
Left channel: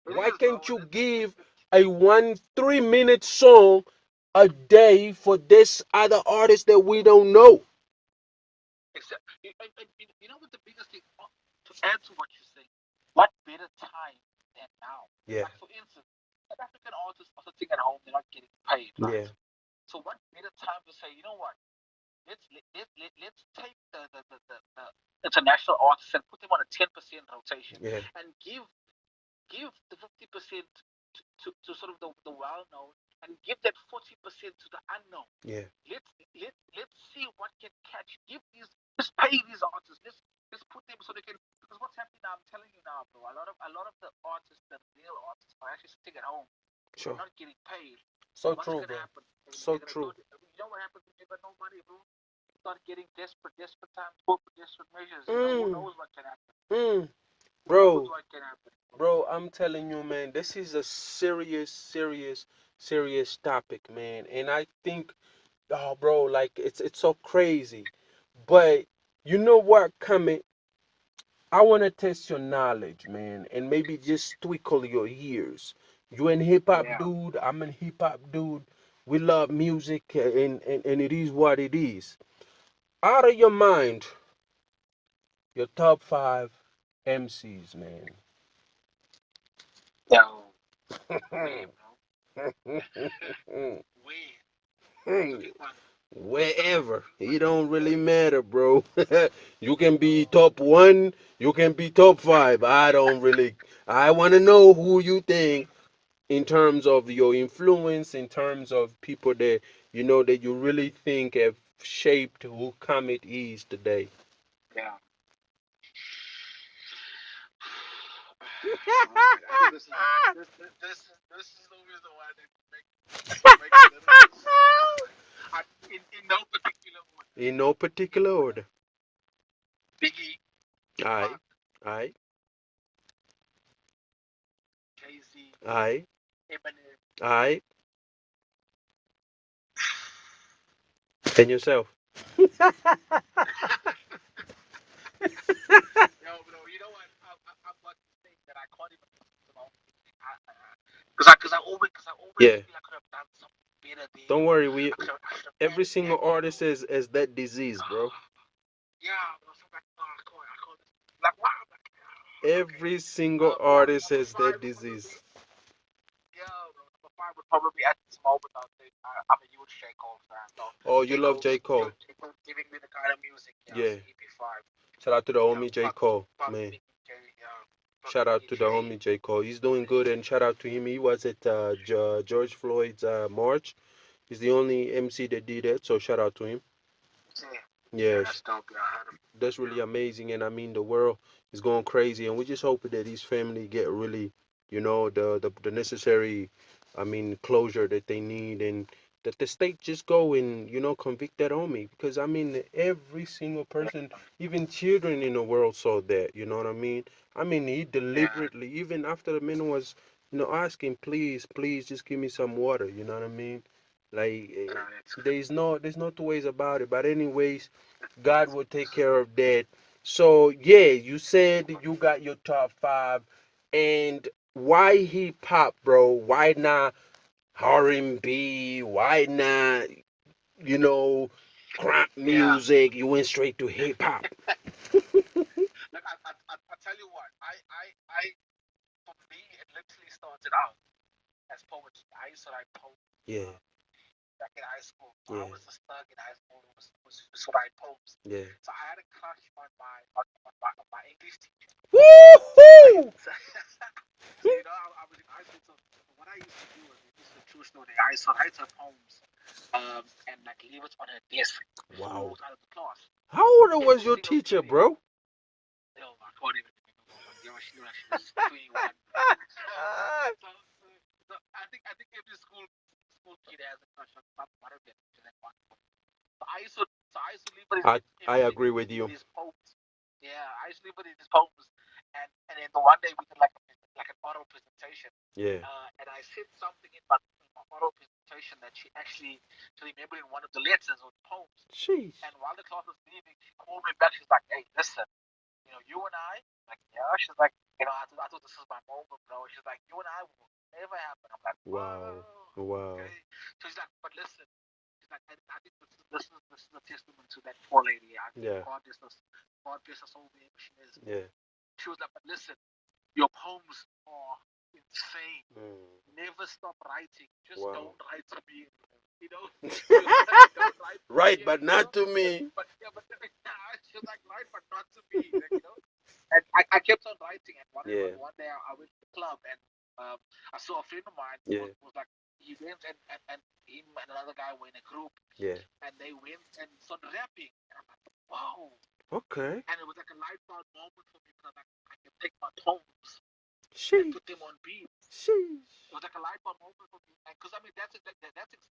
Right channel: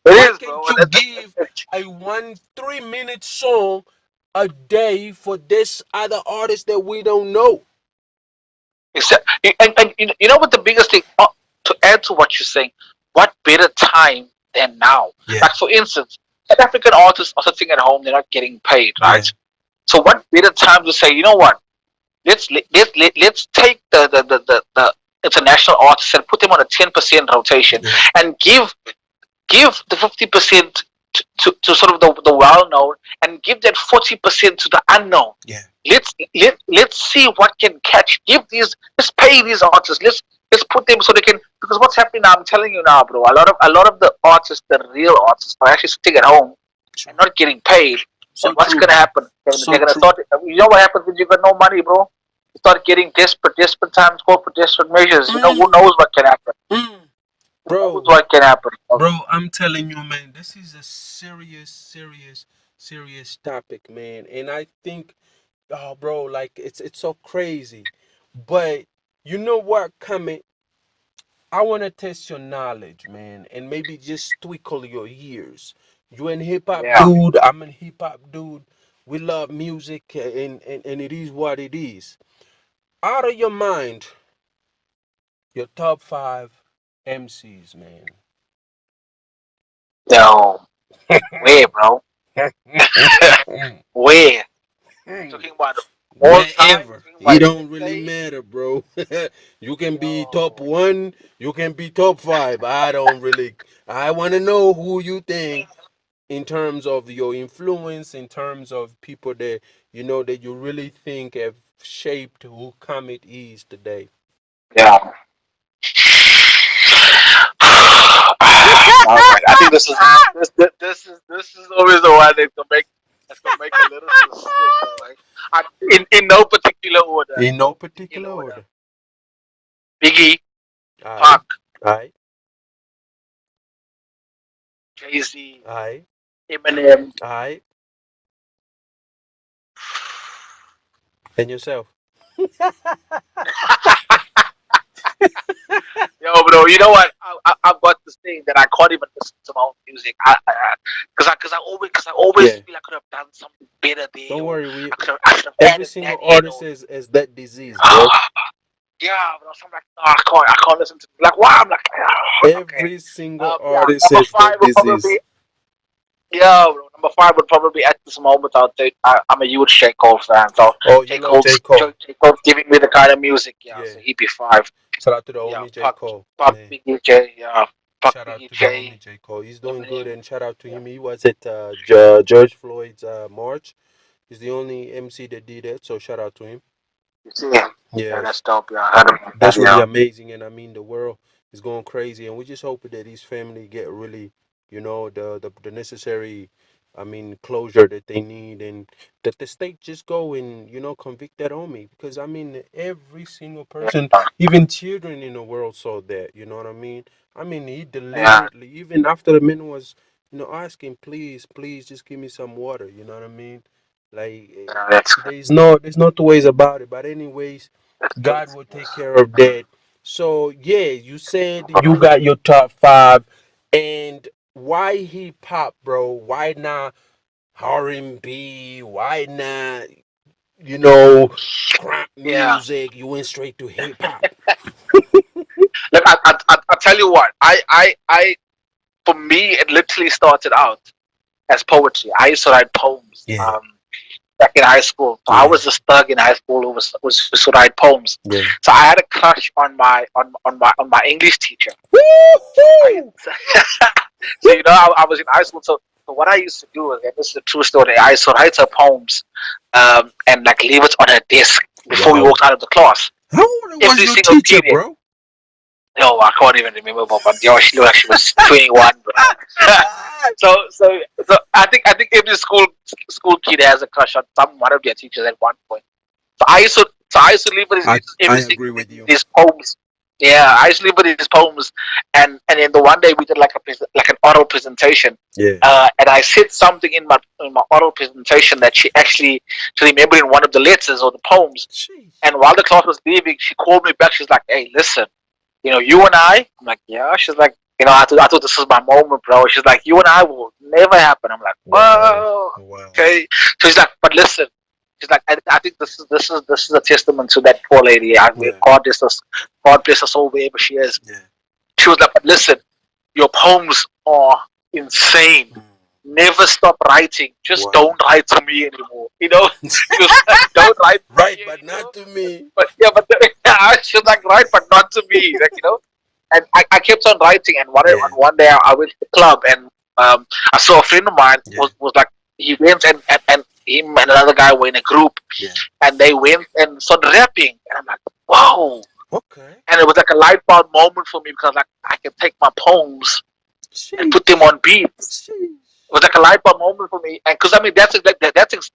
It Why is, bro. can't you give a 1 3 minute song a day for this other artist that we don't know? Except, and you know what the biggest thing, to add to what you're saying, what better time than now? Yeah, Like, for instance, South African artists are sitting at home, they're not getting paid, yeah, right? So what better time to say, you know what? Let's take the international artists and put them on a 10% rotation, yeah, and give the 50% to sort of the well known, and give that 40% to the unknown. yeah. Let's see what can catch. Let's pay these artists. Let's put them so they can, because what's happening now, I'm telling you now, bro, a lot of the artists, the real artists, are actually sitting at home Sure. and not getting paid. So And what's true, gonna bro. happen? So They're gonna true. start, you know what happens when you got no money, bro? You start getting desperate times, call for desperate measures. You know, who knows what can happen? Mm. Who knows Bro, what can happen? bro, I'm telling you, man, this is a serious, serious, serious topic, man. And I think, oh, bro, like it's so crazy. But you know what, Comet? I want to test your knowledge, man, and maybe just twinkle your ears. You an hip hop Yeah. dude, I'm a hip hop dude. We love music, and it is what it is. Out of your mind, your top 5 MCs, man. No. Where, bro? Where? Talking about all time? Wherever. Talking It about don't really UK? matter, bro. You can be top No. 1, you can be top 5. I don't really. I want to know who you think in terms of your influence, in terms of people that you know that you really think have shaped who Comet is today. Yeah. No, man. I think this is always the one that can make a little bit of sick. Like, in no particular order. In no No particular particular order. order. Biggie, Aye, Pac, aye, Jay-Z, aye, Eminem. aye. And yourself. Yo, bro, you know what? I've got this thing that I can't even listen to my own music. Because I always Yeah. feel I could have done something better there, Don't or worry, we I should have every added that single in, artist or has that disease, bro. yeah, but I'm like, no, I can't listen to, like, why? I'm like, okay. Every single Yeah, artist number has five that would disease. probably, yeah, bro, number five would probably, at this moment, I'll say I'm a huge J Cole fan, so Oh, you J love J. Cole's Cole. J Cole's giving me the kind of music, yeah, Yeah. so he'd be 5. Shout out to the Yeah, homie J. Cole, Puck, man. Biggie J, yeah, Puck, Shout out Biggie to the J, homie J. Cole. He's doing Eminem, good, and shout out to yeah. him. He was at George Floyd's march. He's the only MC that did that, so shout out to him. You see, yeah, that's Yes, dope, yeah, I heard about that, that's really yeah. amazing, and I mean the world is going crazy, and we just hope that his family get really, the necessary, I mean, closure that they need, and that the state just go and convict that homie, because I mean every single person, even children in the world saw that. You know what I mean? I mean he Yeah, deliberately, even after the man was, asking, please, please, just give me some water. You know what I mean? Like yeah, that's there's no two ways about it. But anyways, crazy. God will take care of that. So yeah, you said you got your top 5, and why hip hop, bro? Why not R&B? Why not crap Yeah. music? You went straight to hip hop. Look, I tell you what, for me, it literally started out as poetry. I used to write poems. Yeah, Back in high school. So I yeah, was this thug in high school who was used to write poems. yeah. So I had a crush on my English teacher. I, Woohoo! so I was in high school. So what I used to do is, and this is a true story, I used to write her poems, and like leave it on her desk before we Wow. walked out of the class. How old was Every your single teacher, period. bro? No, I can't even remember, but yo, she looked like she was 21. So I think every school kid has a crush on one of their teachers at one point. So I used to leave I every agree with you. these poems. Yeah, I used to live with his poems, and then the one day we did like like an oral presentation, Yeah. and I said something in my oral presentation that she remembered in one of the letters or the poems. Jeez. And while the class was leaving, she called me back. She's like, "Hey, listen, you and I'm like, yeah." She's like, I thought this was my moment, bro. She's like, "You and I will never happen." I'm like, Wow. whoa, Wow. okay. So she's like, "But listen." She's like, I think this is a testament to that poor lady. Yeah. God bless her soul wherever she is. Yeah. She was like, "But listen, your poems are insane. Never stop writing. Just Wow. don't write to me anymore. She was like, don't write to Right, me but anymore." not to me. But yeah, but she was like, "Right, but not to me." And I kept on writing. And Yeah. one day I went to the club, and I saw a friend of mine Yeah. was like, he went, and him and another guy were in a group, Yeah. and they went and started rapping, and I'm like, whoa. Okay. And it was like a light bulb moment for me, because like I can take my poems and Sheesh. put them on beats. Sheesh. It was like a light bulb moment for me, and because I mean that's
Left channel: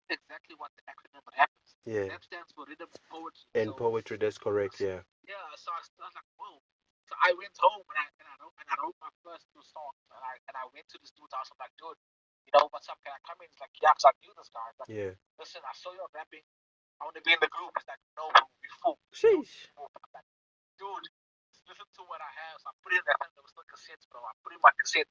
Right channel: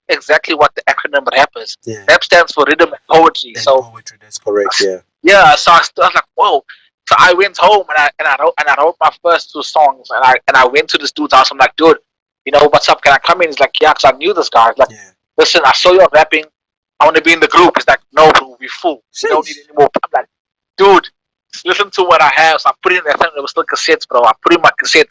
exactly what the acronym RAP is. Yeah. RAP stands for rhythm and poetry. And So poetry, that's correct. Yeah. yeah, so I was like, whoa. So I went home, and I wrote my first two songs, and I went to this dude's house. I'm like, "Dude, what's up? Can I come in?" He's like, "Yeah," because I knew this guy. He's like, Yeah. "Listen, I saw you rapping. I want to be in the group." He's like, "No, bro, we full. We don't need Sheesh. any more." I'm like, "Dude, just listen to what I have." So I put in, I think it was still cassettes, bro. I put in my cassette,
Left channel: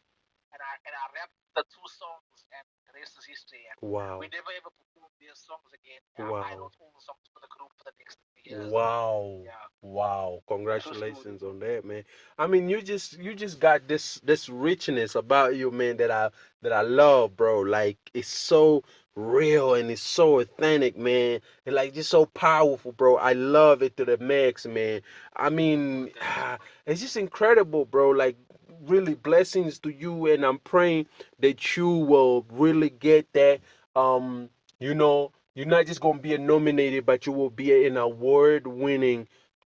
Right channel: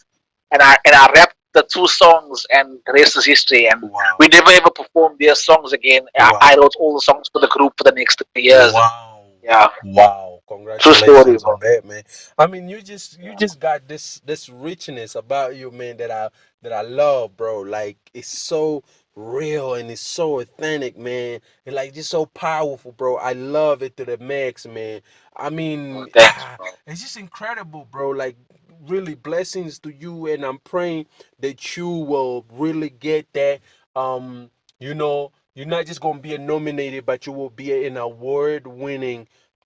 and I rapped the two songs, and the rest is history. And Wow. we never ever performed their songs again. Wow. I wrote all the songs for the group for the next 3 years. Wow. Yeah. Wow. True story, Congratulations bro. on that, man. I mean, you just got this richness about you, man, that I love, bro. Like, it's so real and it's so authentic, man. And like just so powerful, bro. I love it to the max, man. I mean, Thanks, bro. it's just incredible, bro. Like, really blessings to you, and I'm praying that you will really get that. You're not just gonna be a nominated, but you will be an award-winning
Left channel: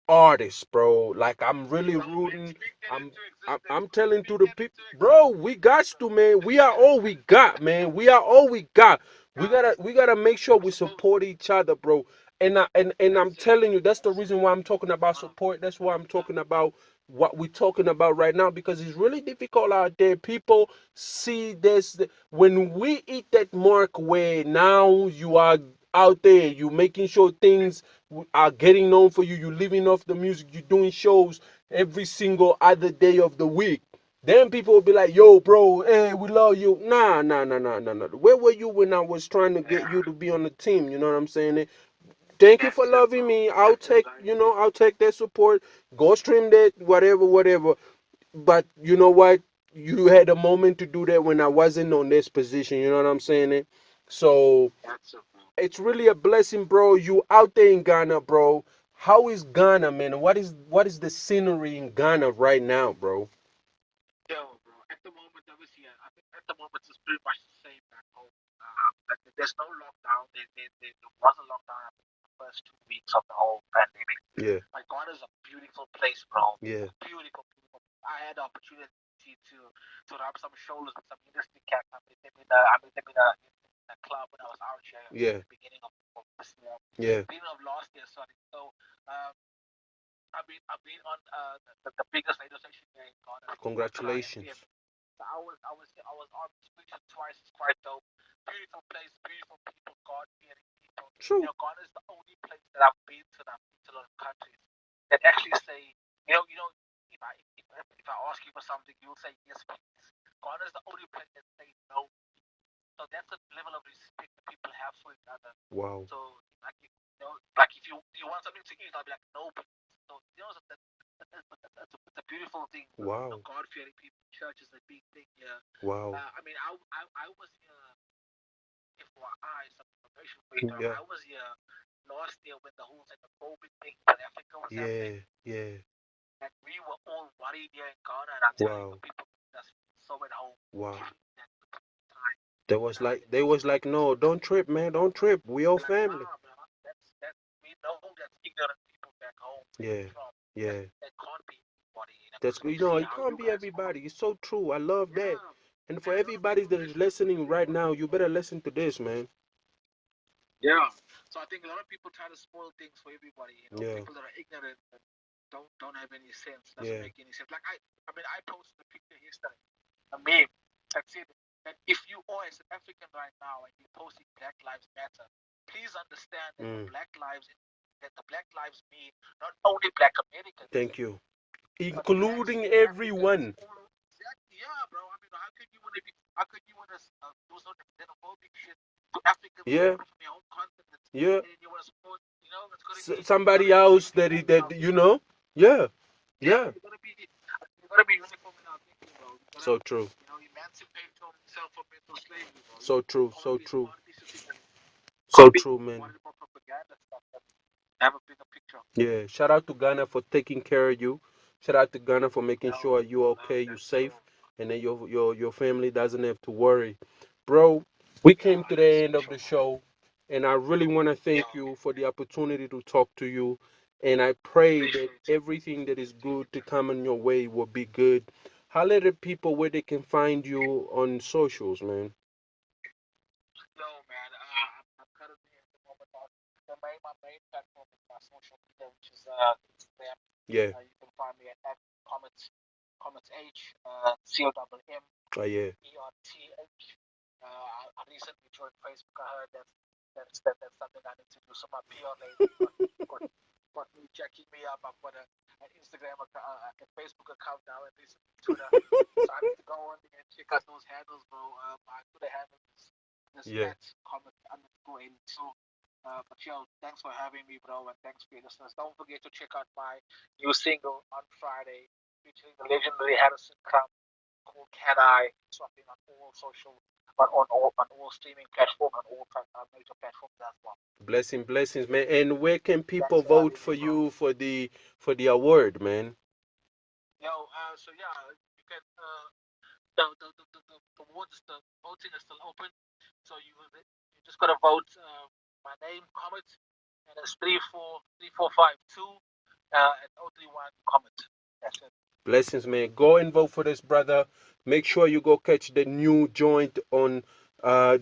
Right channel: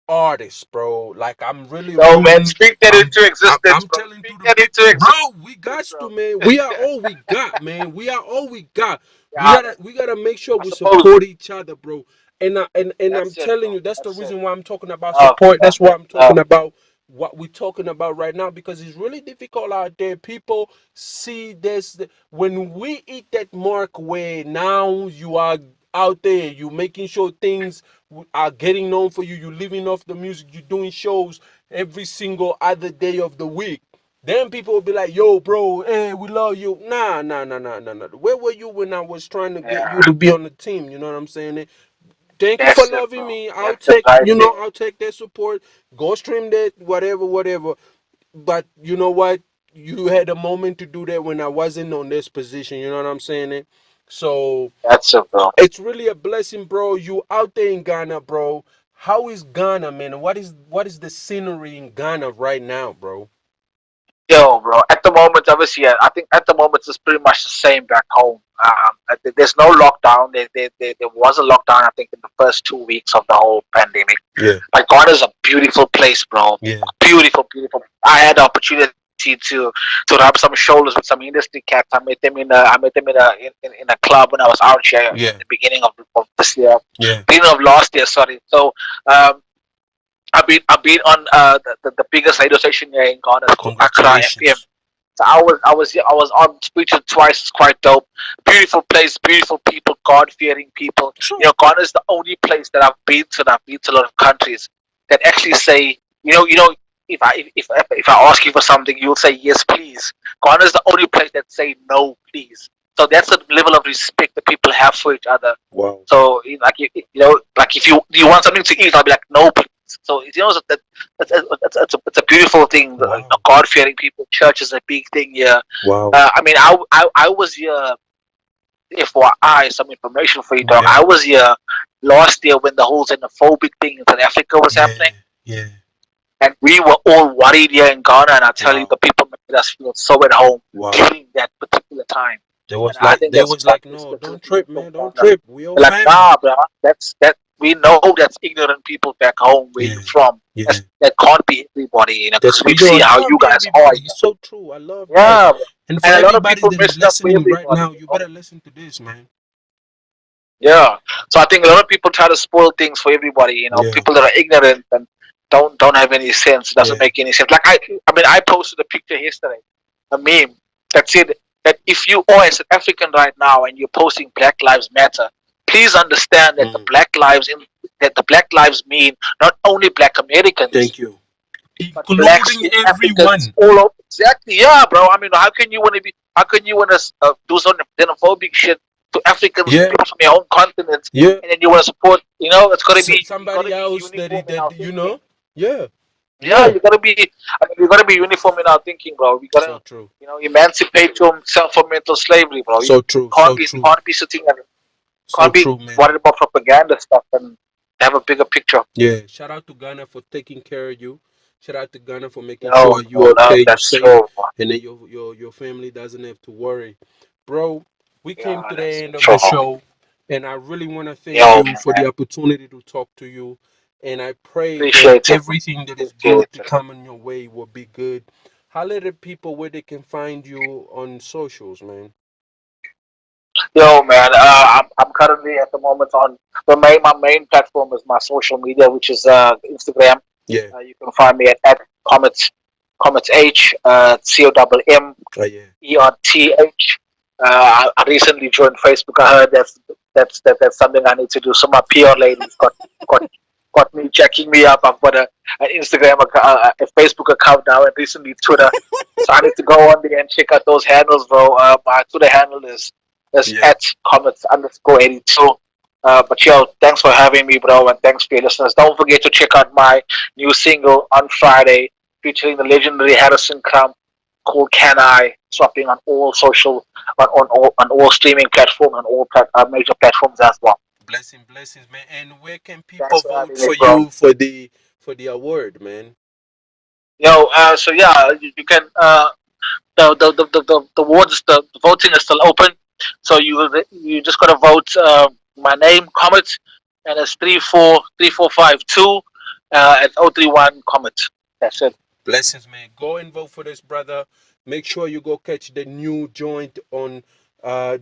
artist, bro. Like, I'm really No, man, rooting. speak that into existence, I'm bro. telling to Speak the that people, into existence, bro. We got to, man. We are all we got, man. We are all we got. We yeah, gotta make sure I we suppose. support each other, bro. And I'm That's it, telling bro. you, that's the That's it. reason why I'm talking about Oh, support. That's why I'm oh, talking about what we're talking about right now, because it's really difficult out there. People see this when we hit that mark where now you are out there, you making sure things are getting known for you. You're living off the music. You're doing shows every single other day of the week. Then people will be like, "Yo, bro, hey, we love you." Nah, nah, nah, nah, nah, nah. Where were you when I was trying to get yeah. you to be on the team? You know what I'm saying? Thank you for That's it, loving bro. me. I'll That's it take, right there. I'll take that support. Go stream that, whatever, whatever. But you know what? You had a moment to do that when I wasn't on this position. You know what I'm saying? So That's it, bro. it's really a blessing, bro. You out there in Ghana, bro. How is Ghana, man? What is the scenery in Ghana right now, bro? Yo, bro. At the moment, obviously, I think at the moment it's pretty much the same back home. There's no lockdown. There was a lockdown, I think, in the first 2 weeks of the whole pandemic. Yeah, Like, God is a beautiful place, bro. yeah, Beautiful, beautiful. I had the opportunity to rub some shoulders with some industry cats. I met them in a club when I was out here yeah, at the beginning of this year, yeah. beginning of last year. Sorry. So I've been on the biggest radio station here in Ghana. It's called Accra FM. Congratulations. So I was on speaking twice. It's quite dope. Beautiful place, beautiful people, God fearing people. Ghana is the only place that I've been to, and I've been to a lot of countries that actually say, if I ask you for something, you'll say yes, please. Ghana is the only place that say no, please. So that's the level of respect that people have for each other. Wow. So like if you want something to eat, I'll be like, no, please. So it's a beautiful thing. Wow. God fearing people. Church is a big thing here. Wow. I mean, I was here. FYI, some information for you, dog. Yeah. I was here last year when the whole xenophobic thing in South Africa was happening, Yeah. and we were all worried here in Ghana. And I tell you, Wow. the people made us feel so at home Wow. during that particular time. They was And I like, think they that's was like, no, don't trip, man, don't trip. We all like, family. nah, bro. That we know that's ignorant people back home where you're from. Yeah. That can't be everybody, That's because we see how you guys are. everybody. It's so true. I love that. Yeah, bro. And for And a lot of everybody people that mess is it up for listening right everybody. now, you better listen to this, man. Yeah. So I think a lot of people try to spoil things for everybody. Yeah. People that are ignorant, and don't have any sense. It doesn't Yeah. make any sense. Like I posted a picture yesterday, a meme that said that if you are a South African right now and you're posting Black Lives Matter, please understand that the Black Lives mean not only Black Americans Thank you. but blacks Including in Africans everyone. all over. Exactly, yeah, bro. I mean, how can you want to be? How can you want to do some xenophobic shit to Africans, Yeah. people from your own continent, Yeah. and then you want to support? You know, it's got to be Somebody else that uniform in our you thinking. know. Yeah. Yeah, Yeah. you gotta be. I mean, you gotta be uniform in our thinking, bro. We gotta, So true. emancipate yourself from mental slavery, bro. You So true. So true. can't be sitting and So can't be true, man. worried about propaganda stuff and have a bigger picture. Yeah. Shout out to Ghana for taking care of you. Shout out to Ghana for making No, sure you're no, okay, you're that's safe, true. and then your family doesn't have to worry. Bro, we came Yeah, to the that's end of the true. show, and I really want to thank Yo, you for the man, opportunity to talk to you. And I pray that appreciate it. everything that is Appreciate good to it. come in your way will be good. Holler the people where they can find you on socials, man. Yo, man, I'm currently at the moment on my main platform is my social media, which is Instagram. Yeah. You can find me at Comet H COMM Oh, yeah. ERTH. I recently joined Facebook. I heard that's something I need to do. So my PR lady's got got me checking me up. I've got an Instagram account, a Facebook account now, and recently Twitter. So I need to go on there and check out those handles, bro. My Twitter handle is Yeah. at Comets_82. But yo, thanks for having me, bro, and thanks for your listeners. Don't forget to check out my new single on Friday, featuring the legendary Harrison Crump, called "Can I?" Dropping on all on all streaming platforms and all major platforms as well. Blessings, man. And where can people Thanks for vote having me, for bro. you for the award, man? Yo, so yeah, you can the awards, the voting is still open. So you just gotta vote my name, Comet, and it's 34345 2 at 031 Comet. That's it. Blessings, man. Go and vote for this brother. Make sure you go catch the new joint on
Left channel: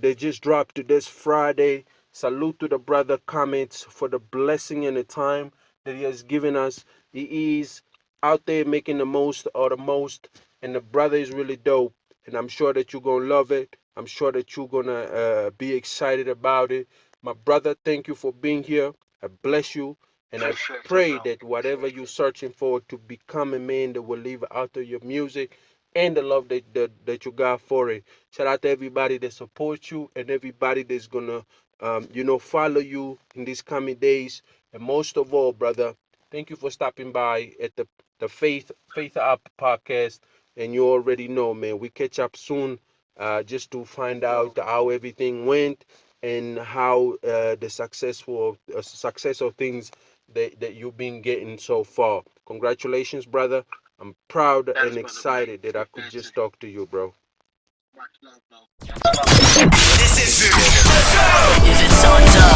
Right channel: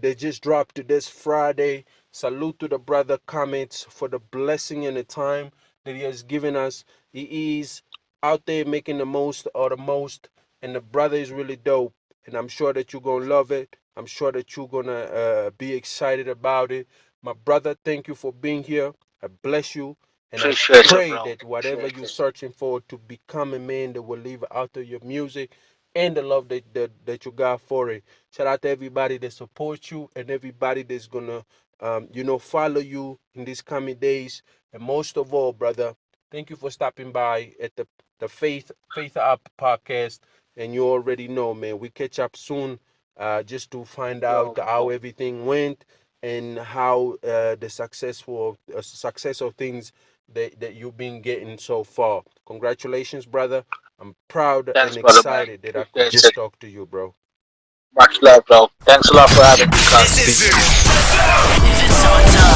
they just dropped this Friday. Salute to the brother Comments for the blessing and the time that he has given us. He is out there making the most of the most, and the brother is really dope. And I'm sure that you're gonna love it. I'm sure that you're gonna be excited about it. My brother, thank you for being here. I bless you. And I Appreciate it, pray bro. that whatever Appreciate you're it. searching for to become a man that will live out of your music and the love that you got for it. Shout out to everybody that supports you and everybody that's gonna follow you in these coming days. And most of all, brother, thank you for stopping by at the FaithUp podcast. And you already know, man, we catch up soon just to find out Yo, how everything went and how the success of things that you've been getting so far. Congratulations, brother. I'm proud thanks, and brother, man. excited that I could Appreciate just it. talk to you, bro. Much love, bro. Thanks a lot for having me, This guys. is Peace, brother. If it's on top.